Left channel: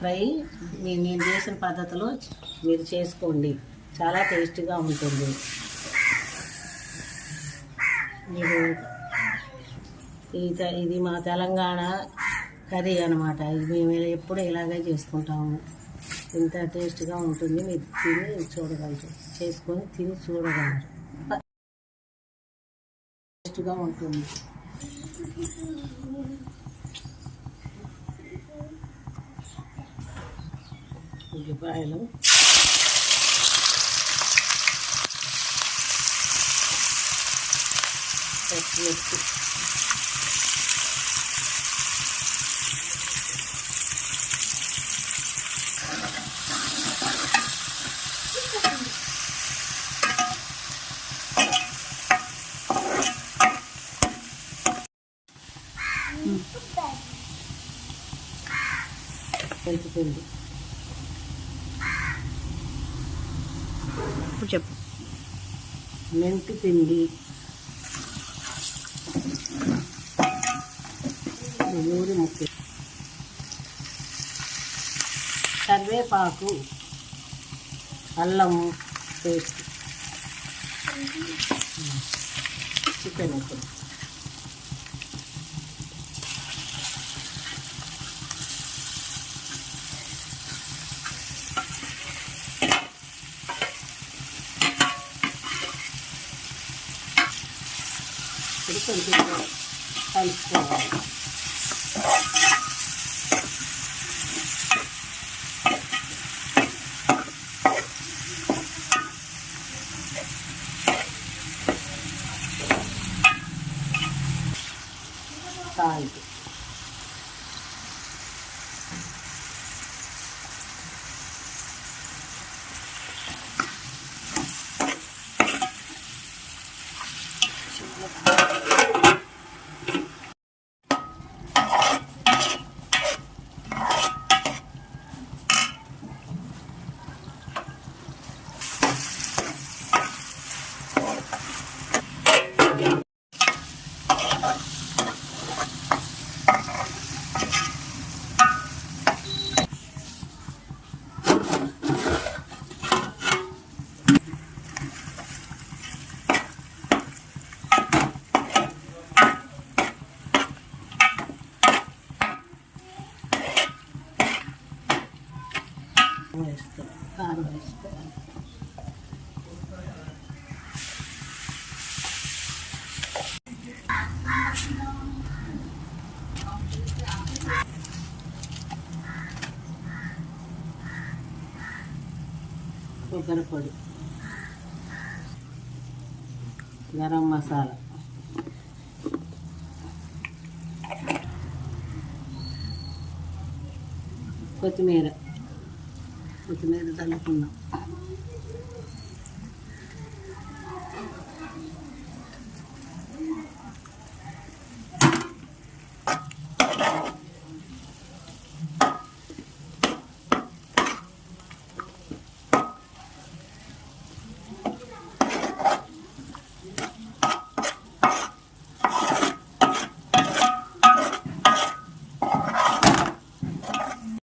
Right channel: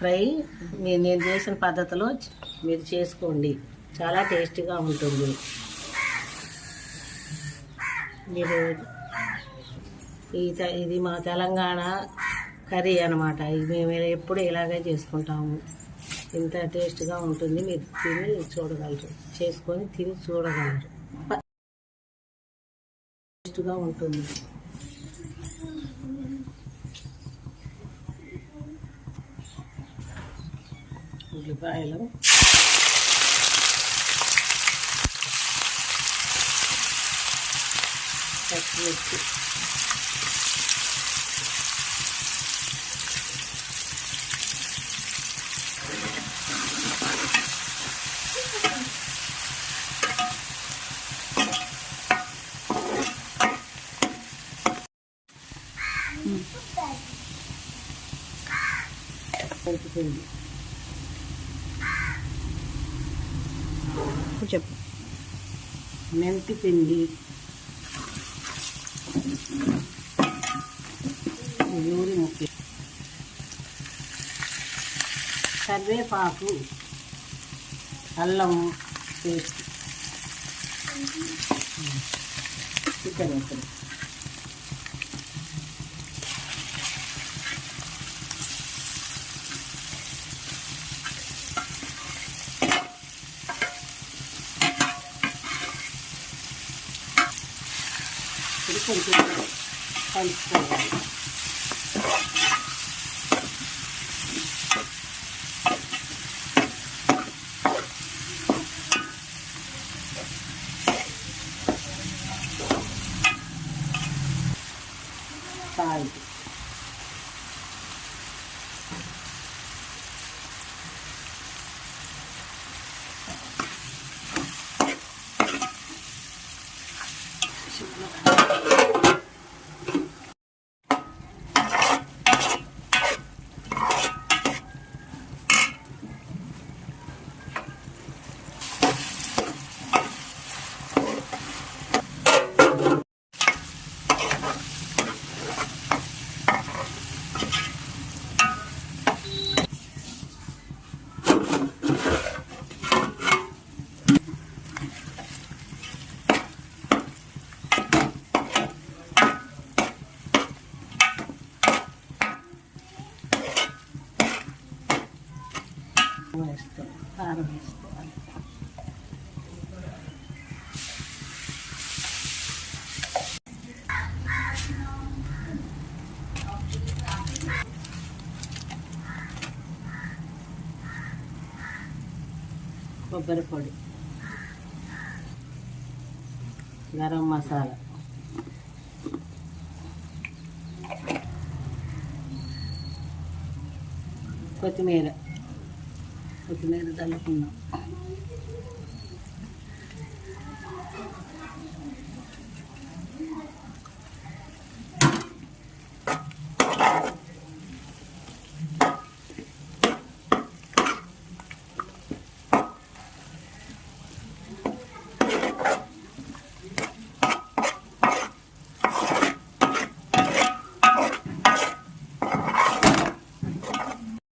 Fry నేను చేసిన పద్ధతిలో మీరు చేసుకోండి, చాలా టేస్టీగా ఉంటుంది. మీరు ఇది మా తెలంగాణ కర్రీ అన్నమాట. ఇది మేము ఎప్పుడు ఇలాగే చేసుకుంటాము. ఇంత టేస్ట్గా ఉంటుంది. మీరు తిని చూడగలరు, చేసుకొని తిని చూడగలరు. టేస్ట్గా ఉంటుంది. ఉల్లిపాయలు, పచ్చిమిర్చి, మెంతిపిండి. ఇప్పుడు చెప్పు. మెంతిపిండి, నూరి ముక్క, కరివేపాకు, అల్లం పేస్ట్, చికెన్ ఇప్పుడు కొంచెం కలుపుకోవాలి. సాల్ట్, కారం వేసుకోవాలి. కొబ్బరి పొడి, గరం మసాలా, కొత్తిమీర చల్లుకున్నాం.